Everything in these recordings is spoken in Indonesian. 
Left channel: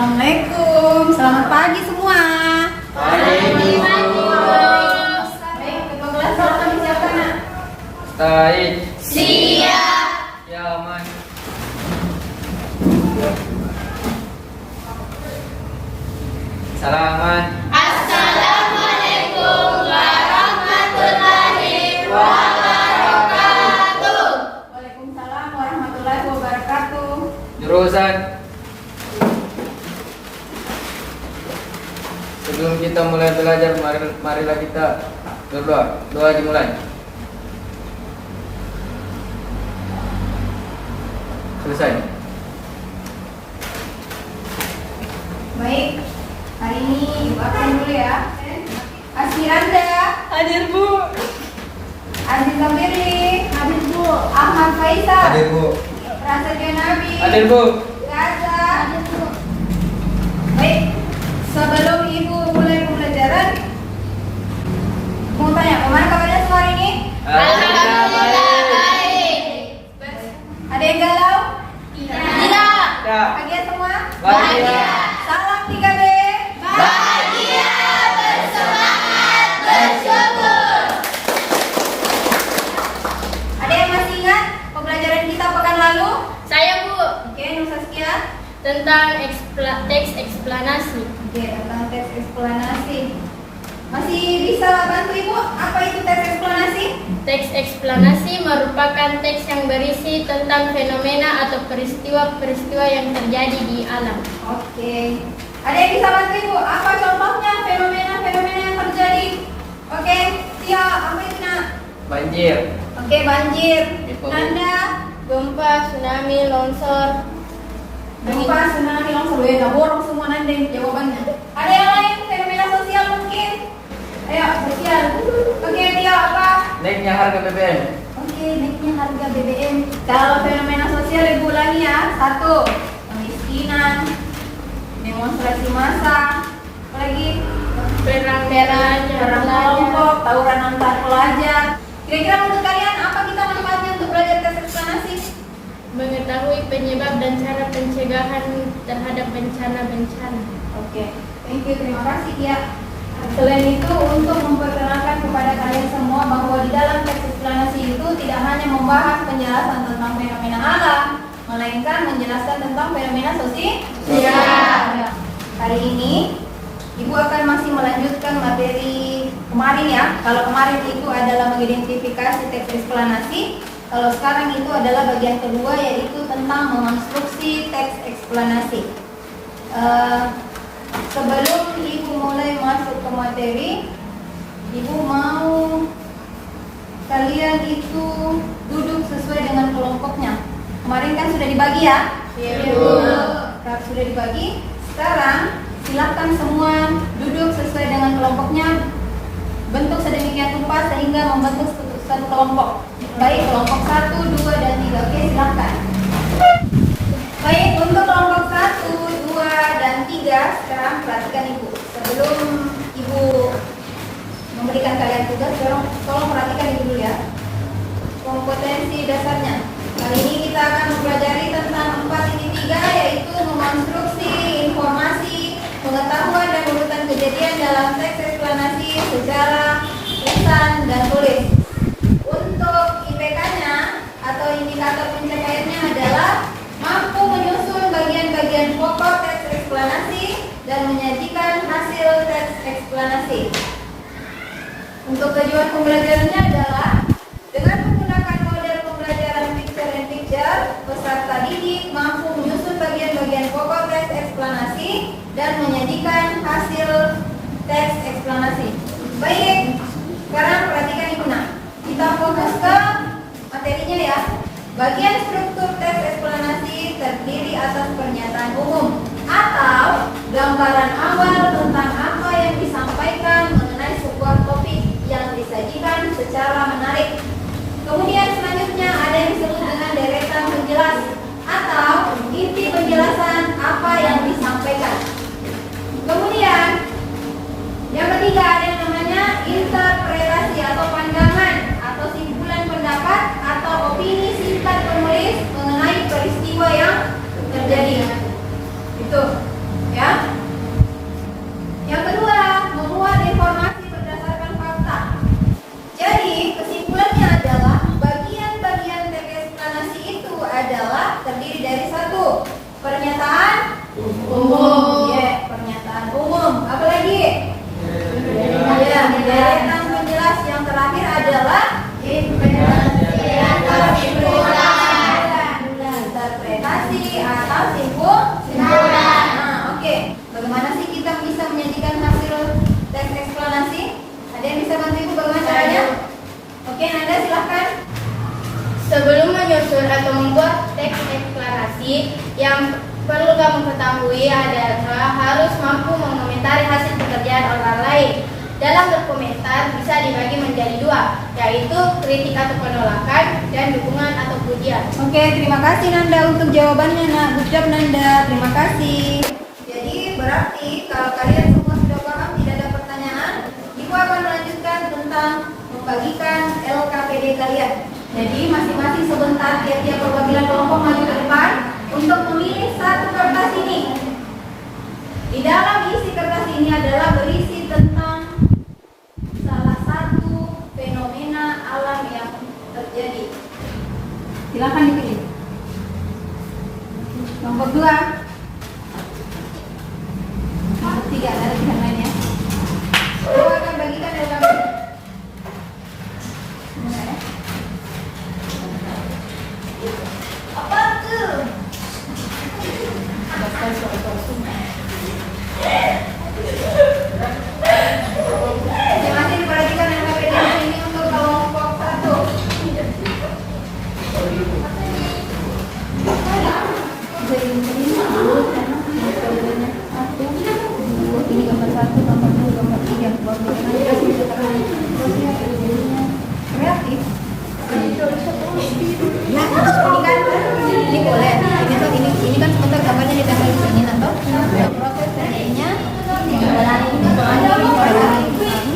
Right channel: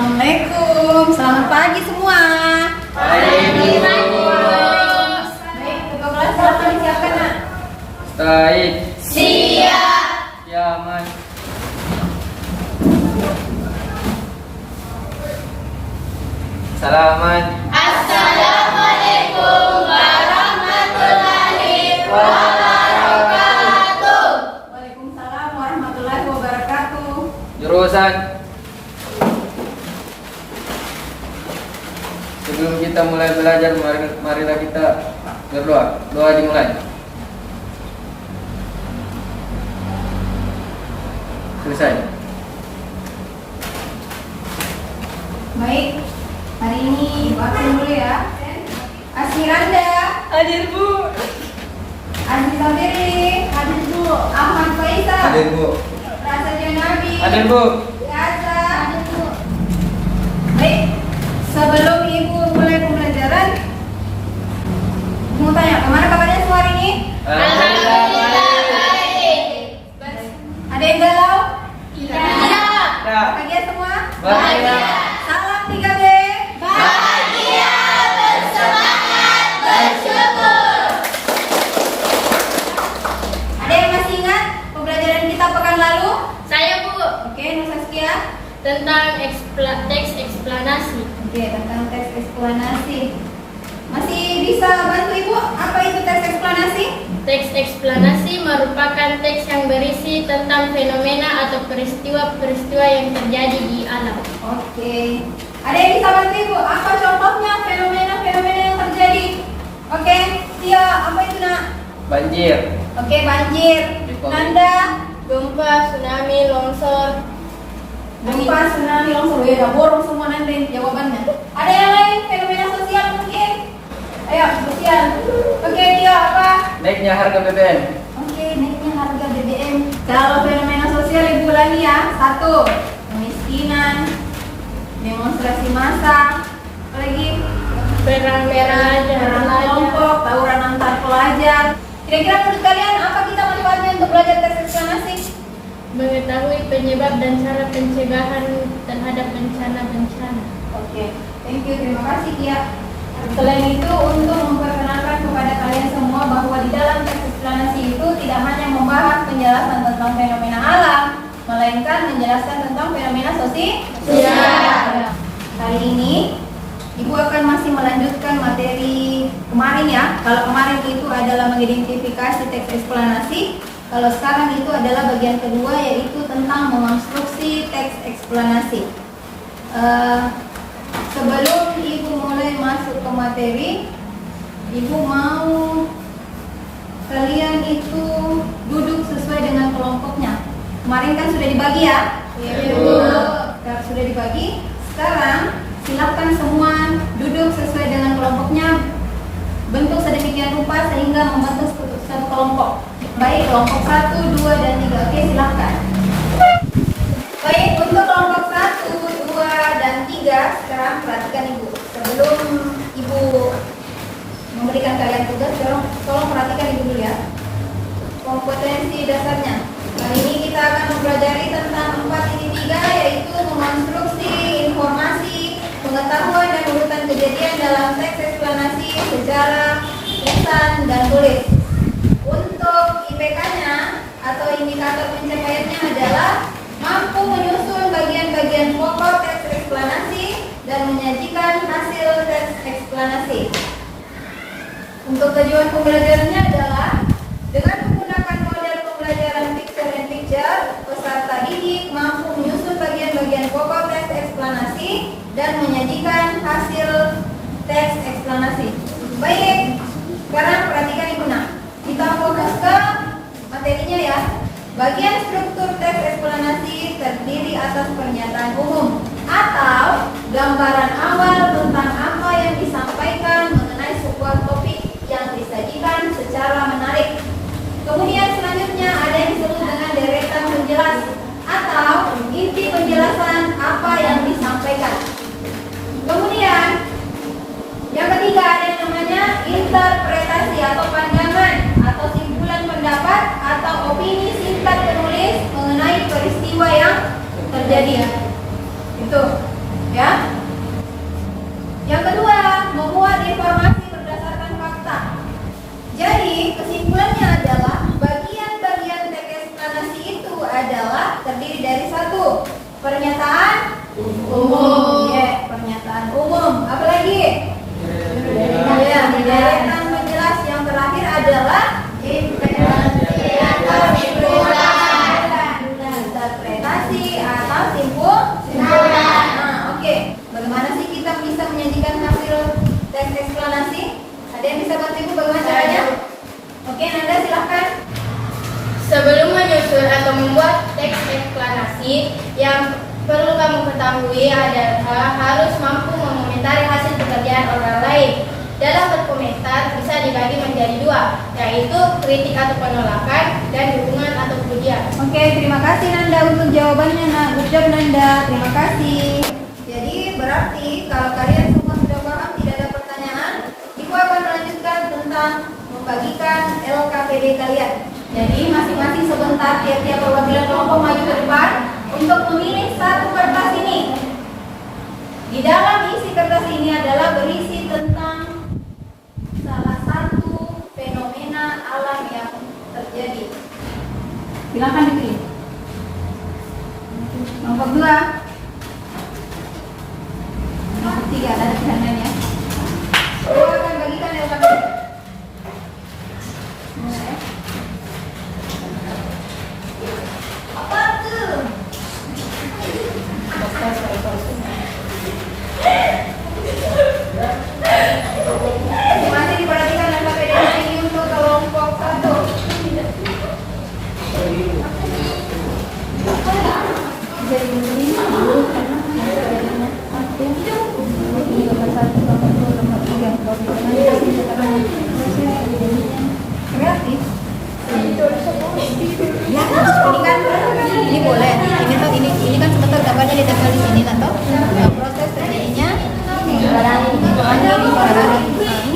Assalamualaikum, selamat pagi semua. Waalaikumsalam. Baik, kedua kelas silakan disiapkan nak. Baik. Siap. Ya, Mas. Salaman. Assalamualaikum warahmatullahi wabarakatuh. Waalaikumsalam warahmatullahi wabarakatuh. Jurusan. Sebelum kita mulai belajar, marilah kita berdoa. Doa dimulai. Selesai. Baik, hari ini Ibu absen dulu ya. Asmiranda, Hadir Bu. Aziza Firly, hadir Bu. Ahmad Faisal, Hadir, Bu. Prasetya Nabi, Hadir, Bu. Yaza, hadir Bu. Baik, sebelum Ibu mulai pembelajaran, mau tanya, kemana kabarnya semua hari ini? Alhamdulillah baik. Ada yang galau? Tidak. Ya. Bahagia semua? Bahagia. Salam 3B. Bahagia, bersemangat, bersyukur. Ada yang masih ingat pembelajaran kita pekan lalu? Saya Bu, Oke, Nur Saskia. tentang teks eksplanasi. Oke, tentang teks eksplanasi. Masih bisa bantu Ibu? Apa itu teks eksplanasi? Teks eksplanasi merupakan teks yang berisi tentang fenomena atau peristiwa-peristiwa yang terjadi di alam. Oke. Ada yang bisa bantu Ibu? Apa contohnya fenomena-fenomena yang terjadi? Oke, Tia, apa itu nak? Banjir. Oke, banjir. Nanda, Gempa, tsunami, longsor. gempa, tsunami, longsor. Ya, udah borong semua nanti jawabannya. Ada yang lain fenomena sosial mungkin? Ayo, sosial. Oke, Tia, apa? Naiknya harga BBM. Oke, naiknya harga BBM. Kalau fenomena sosial Ibu ulangi ya. 1. Kemiskinan, demonstrasi massa, apalagi Perang perang kelompok, tawuran antar pelajar. Kira-kira menurut kalian apa kita manfaatnya untuk belajar teks eksplanasi? mengetahui penyebab dan cara pencegahan terhadap bencana-bencana. Oke, thank you, terima kasih Tia. Selain itu, untuk memperkenalkan kepada kalian semua bahwa di dalam teks eksplanasi itu tidak hanya membahas penjelasan tentang fenomena alam, melainkan menjelaskan tentang fenomena sosial. Kali ini, Ibu akan masih melanjutkan materi kemarin ya. Kalau kemarin itu adalah mengidentifikasi teks eksplanasi, kalau sekarang itu adalah bagian kedua yaitu tentang mengonstruksi teks eksplanasi. Sebelum Ibu mulai masuk ke materi, Ibu mau kalian itu duduk sesuai dengan kelompoknya. Kemarin kan sudah dibagi ya? Kalau sudah dibagi, sekarang silakan semua duduk sesuai dengan kelompoknya, bentuk sedemikian rupa sehingga membentuk satu kelompok. Baik, kelompok 1, 2, dan 3. Oke, silakan. Baik, untuk kelompok 1, 2, dan 3, sekarang perhatikan Ibu. Sebelum Ibu memberikan kalian tugas, tolong perhatikan Ibu dulu ya. Kompetensi dasarnya. Kali ini kita akan mempelajari tentang 4.3, yaitu mengonstruksi informasi, pengetahuan dan urutan kejadian dalam teks eksplanasi, sejarah, lisan, dan tulis. Untuk IPK-nya atau indikator pencapaiannya adalah mampu menyusun bagian-bagian pokok teks eksplanasi dan menyajikan hasil teks eksplanasi. Untuk tujuan pembelajarannya adalah dengan menggunakan model pembelajaran picture and picture, peserta didik mampu menyusun bagian-bagian pokok teks eksplanasi dan menyajikan hasil teks eksplanasi. Baik, sekarang perhatikan Ibu nak. Kita fokus ke materinya ya. Bagian struktur teks eksplanasi terdiri atas pernyataan umum atau gambaran awal tentang apa yang disampaikan mengenai sebuah topik yang disajikan secara menarik. Kemudian selanjutnya ada yang disebut dengan deretan penjelas atau inti penjelasan apa yang disampaikan. Kemudian yang ketiga ada yang namanya interpretasi atau pandangan atau simpulan pendapat atau opini singkat penulis mengenai peristiwa yang terjadi. Itu. atau membuat teks eksplanasi. Yang perlu kamu ketahui adalah harus mampu mengomentari hasil pekerjaan orang lain. Dalam berkomentar bisa dibagi menjadi dua, yaitu kritik atau penolakan dan dukungan atau pujian. Oke, terima kasih Nanda untuk jawabannya. Nah, good job Nanda, terima kasih. Jadi berarti kalau kalian semua sudah paham, tidak ada pertanyaan, Ibu akan melanjutkan tentang membagikan LKPD kalian. Jadi masing-masing sebentar tiap-tiap perwakilan kelompok maju ke depan untuk memilih satu kertas ini. Di dalam isi kertas ini adalah berisi tentang salah satu fenomena alam yang terjadi. Silakan dipilih. Nomor 2, nomor 3, ada pilihan lainnya. Saya akan bagikan LKPD. Apa tuh? Masih diperhatikan LKPD ini untuk kelompok 1. Jadi ini dulu karena satu ini nomor 1, nomor 2, nomor 3, kreatif. Ya, ini kan ini boleh. Ini kan sebentar gambarnya ditempel di sini kan toh. Nah, proses terjadinya ini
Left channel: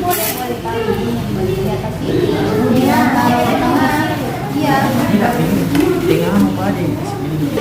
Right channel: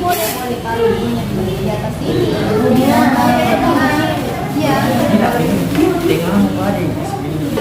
boleh kalau ini di atas ini. Ya, kalau di tengah. Iya. Tinggal apa di sini.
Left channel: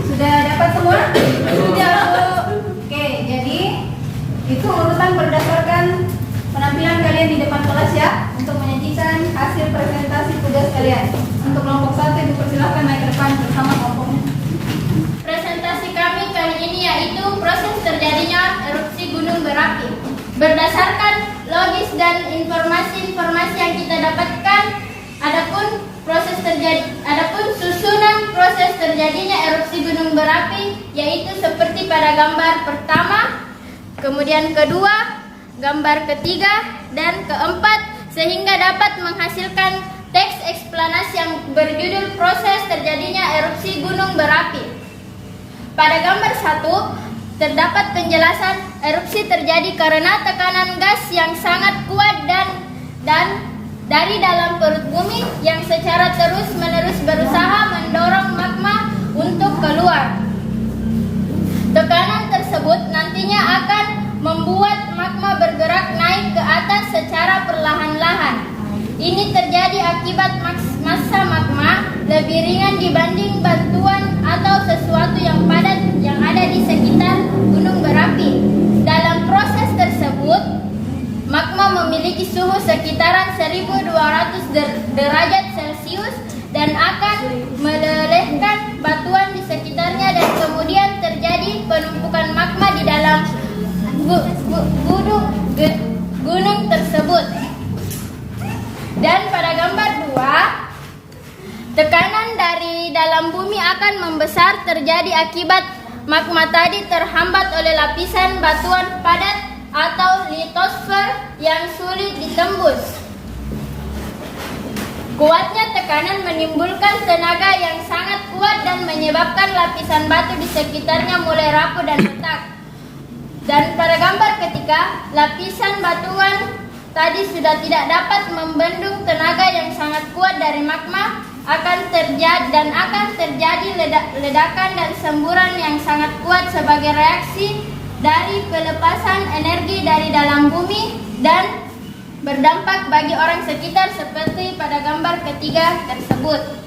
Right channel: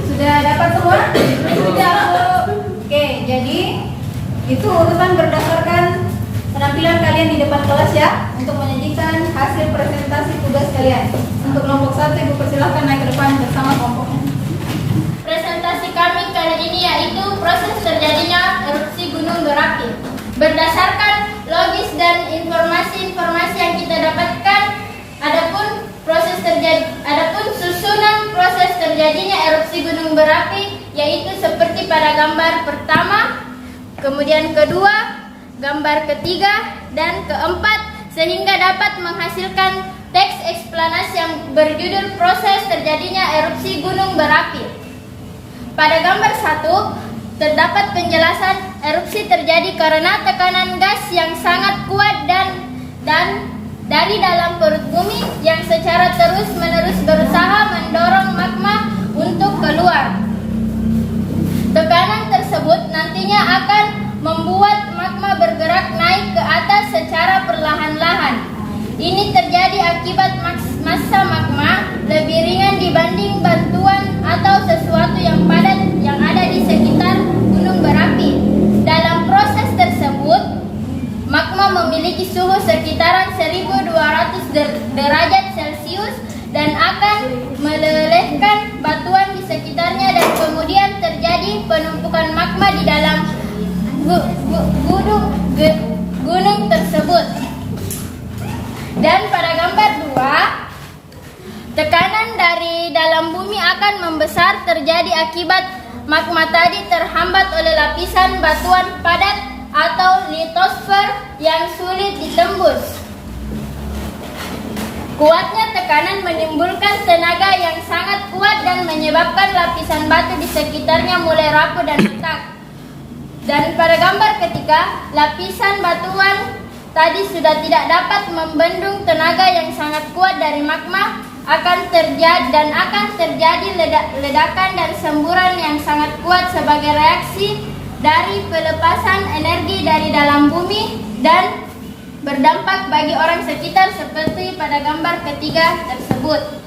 Sudah dapat semua? Sudah. Oke, jadi itu urutan berdasarkan penampilan kalian di depan kelas ya, untuk menyajikan hasil presentasi tugas kalian. Untuk kelompok 1, Ibu persilahkan naik ke depan bersama kelompoknya. Presentasi kami kali ini yaitu proses terjadinya erupsi gunung berapi. Berdasarkan logis dan informasi-informasi yang kita dapatkan, adapun susunan proses terjadinya erupsi gunung berapi yaitu seperti pada gambar pertama, kemudian kedua, gambar ketiga, dan keempat, sehingga dapat menghasilkan teks eksplanasi yang berjudul proses terjadinya erupsi gunung berapi. Pada gambar 1 terdapat penjelasan erupsi terjadi karena tekanan gas yang sangat kuat dan dari dalam perut bumi yang secara terus-menerus berusaha mendorong magma untuk keluar. Tekanan tersebut nantinya akan membuat magma bergerak naik ke atas secara perlahan-lahan. Ini terjadi akibat massa magma lebih ringan dibanding batuan atau sesuatu yang padat yang ada di sekitar gunung berapi. Dalam proses tersebut, magma memiliki suhu sekitaran 1200 derajat Celcius dan akan melelehkan batuan di sekitarnya, dan kemudian terjadi penumpukan magma di dalam gunung tersebut. Dan pada gambar 2, tekanan dari dalam bumi akan membesar terjadi akibat magma tadi terhambat oleh lapisan batuan padat atau litosfer yang sulit ditembus. Kuatnya tekanan menimbulkan tenaga yang sangat kuat dan menyebabkan lapisan batu di sekitarnya mulai rapuh dan retak. Dan pada gambar ketiga, lapisan batuan tadi sudah tidak dapat membendung tenaga yang sangat kuat dari magma, akan terjadi ledakan dan semburan yang sangat kuat sebagai reaksi dari pelepasan energi dari dalam bumi dan berdampak bagi orang sekitar seperti pada gambar ketiga tersebut.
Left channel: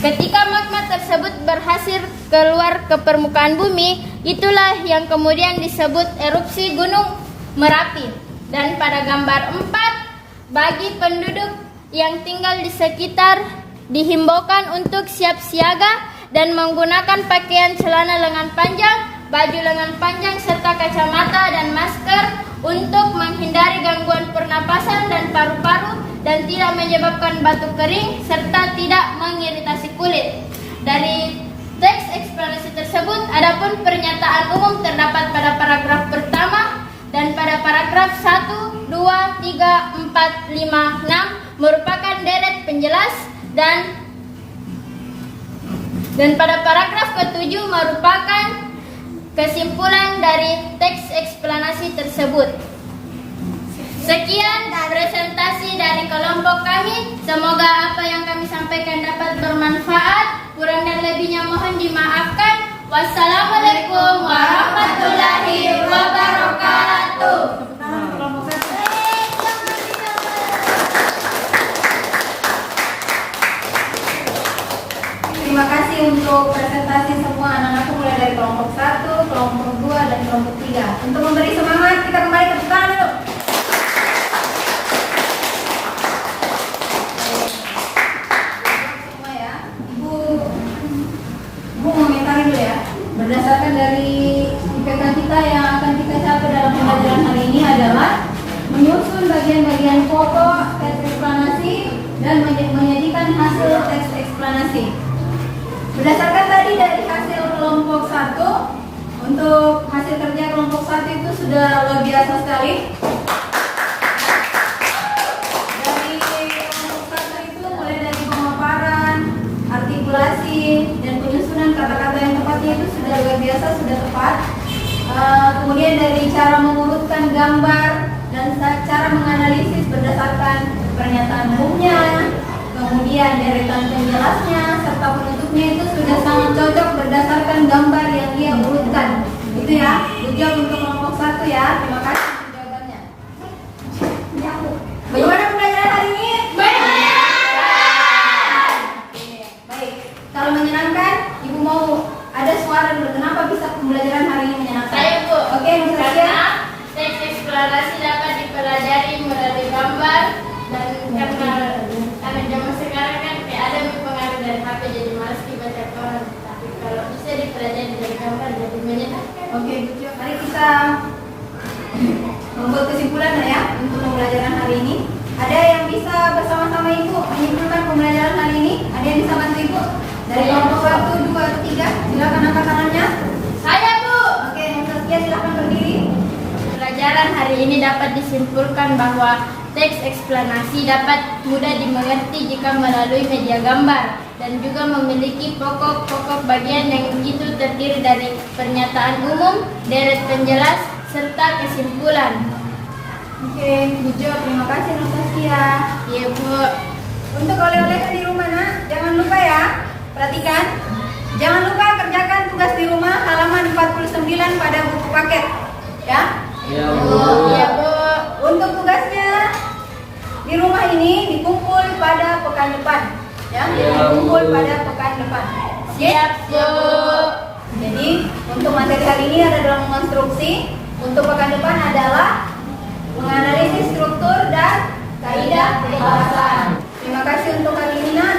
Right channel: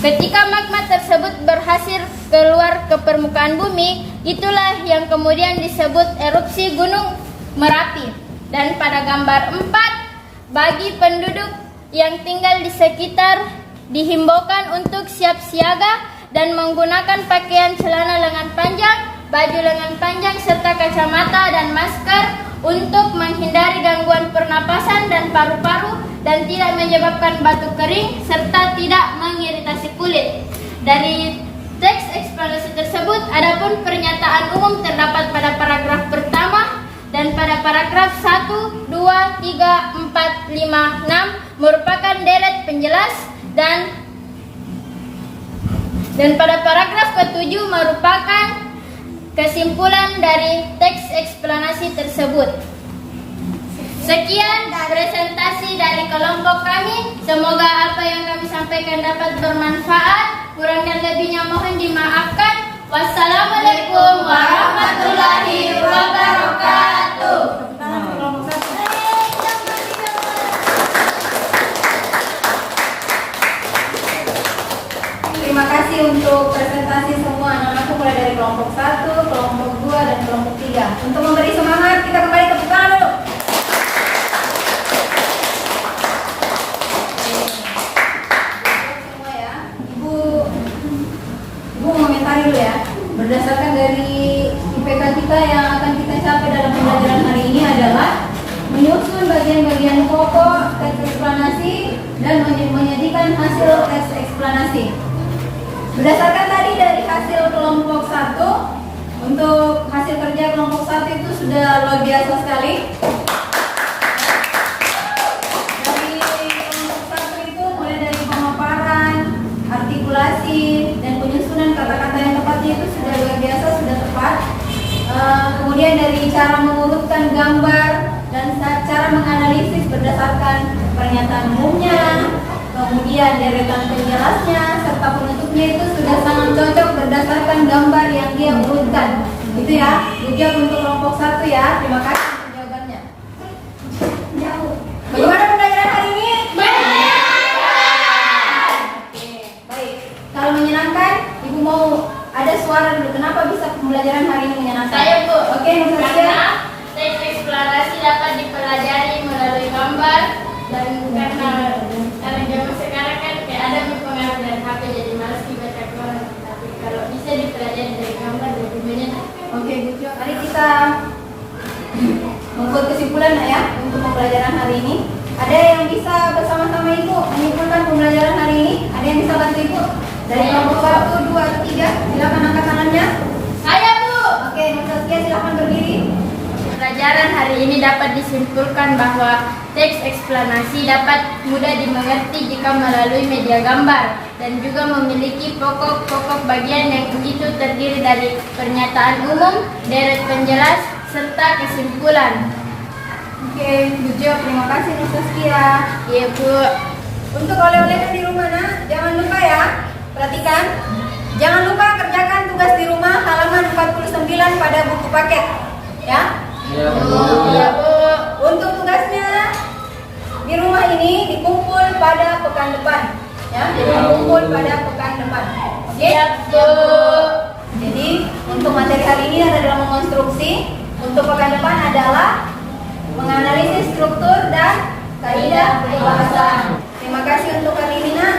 Ketika magma tersebut berhasil keluar ke permukaan bumi, itulah yang kemudian disebut erupsi gunung Merapi. Dan pada gambar 4, bagi penduduk yang tinggal di sekitar dihimbaukan untuk siap siaga dan menggunakan pakaian celana lengan panjang, baju lengan panjang serta kacamata dan masker untuk menghindari gangguan pernapasan dan paru-paru dan tidak menyebabkan batuk kering serta tidak mengiritasi kulit. dari teks eksplanasi tersebut, adapun pernyataan umum terdapat pada paragraf pertama dan pada paragraf 1, 2, 3, 4, 5, 6 merupakan deret penjelas dan pada paragraf ke-7 merupakan kesimpulan dari teks eksplanasi tersebut. Sekian presentasi dari kelompok kami. Semoga apa yang kami sampaikan dapat bermanfaat. Kurang dan lebihnya mohon dimaafkan. Wassalamualaikum warahmatullahi wabarakatuh. Terima kasih untuk presentasi semua anak-anakku mulai dari kelompok 1, kelompok 2, dan kelompok 3. Untuk memberi semangat, kita kembali tepuk tangan dulu. Semua ya, Ibu mengomentari dulu ya. Berdasarkan dari IPK kita yang akan kita capai dalam pembelajaran hari ini adalah menyusun bagian-bagian pokok teks eksplanasi dan menyajikan hasil teks eksplanasi. Berdasarkan tadi dari hasil kelompok 1, untuk hasil kerja kelompok 1 itu sudah luar biasa sekali. Dari kelompok 1 itu mulai dari pemaparan, artikulasi, dan penyusunan kata-kata yang tepatnya itu sudah luar biasa, sudah tepat. Kemudian dari cara mengurutkan gambar dan cara menganalisis berdasarkan pernyataan umumnya, kemudian deretan penjelasnya serta penutupnya itu sudah sangat cocok berdasarkan gambar yang dia urutkan. Itu ya, ujian untuk kelompok 1 ya. Terima kasih untuk jawabannya. Bagaimana pembelajaran hari ini? Menyenangkan. Oke, baik. Kalau menyenangkan, Ibu mau ada suara dulu. Kenapa bisa pembelajaran hari ini menyenangkan? Saya, Bu. Oke, Nursasia. Teks eksplanasi dapat dipelajari melalui gambar dan karena zaman sekarang kan kayak ada pengaruh dari HP jadi malas dibaca koran, tapi kalau bisa dipelajari dari gambar jadi menyenangkan. Oke, Bu Jo. Mari kita membuat kesimpulan ya untuk pembelajaran hari ini. Ada yang bisa bersama-sama Ibu menyimpulkan pembelajaran hari ini? Ada yang bisa bantu Ibu? Dari kelompok 1, 2, atau 3, silakan angkat tangannya. Saya, Bu. Oke, Nursasia silakan berdiri. Pelajaran hari ini dapat disimpulkan bahwa teks eksplanasi dapat mudah dimengerti jika melalui media gambar dan juga memiliki pokok-pokok bagian yang itu terdiri dari pernyataan umum, deret penjelas, serta kesimpulan. Oke, Bu Jo, terima kasih Nursasia. Iya, Bu. Untuk oleh-oleh kan di rumah nak, jangan lupa ya. Perhatikan, jangan lupa kerjakan tugas di rumah halaman 49 pada buku paket. Ya. Iya, Bu. Iya, Bu. Untuk tugasnya di rumah ini dikumpul pada pekan depan. Ya, dikumpul pada pekan depan. Oke? Siap, Bu. Jadi untuk materi hari ini ada dalam mengonstruksi. Untuk pekan depan adalah menganalisis struktur dan kaidah pembahasan. Terima kasih untuk hari ini nak.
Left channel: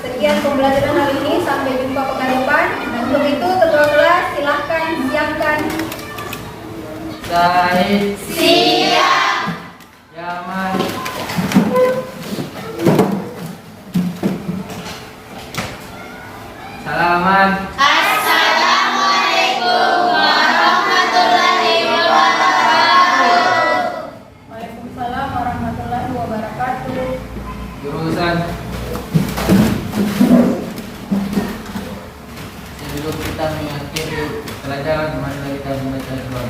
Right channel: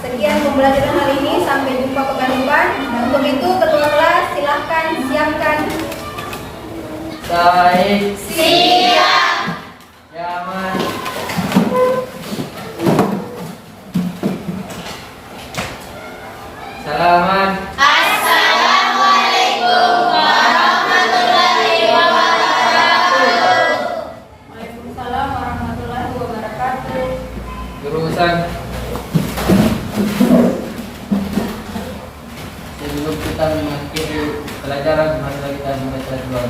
Sekian pembelajaran hari ini, sampai jumpa pekan depan. Untuk itu ketua kelas silahkan siapkan. Baik. Siap. Yaman. Salaman. Assalamualaikum warahmatullahi wabarakatuh. Waalaikumsalam warahmatullahi wabarakatuh. Jurusan. Sebelum kita mengakhiri pelajaran, mari kita membaca doa.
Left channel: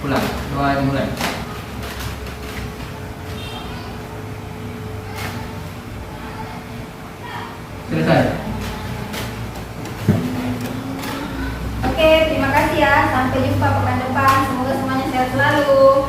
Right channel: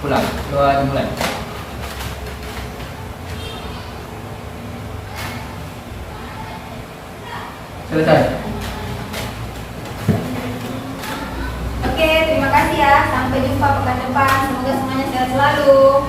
Pulang, doa dimulai. Selesai. Oke, terima kasih ya. Sampai jumpa pekan depan. Semoga semuanya sehat selalu.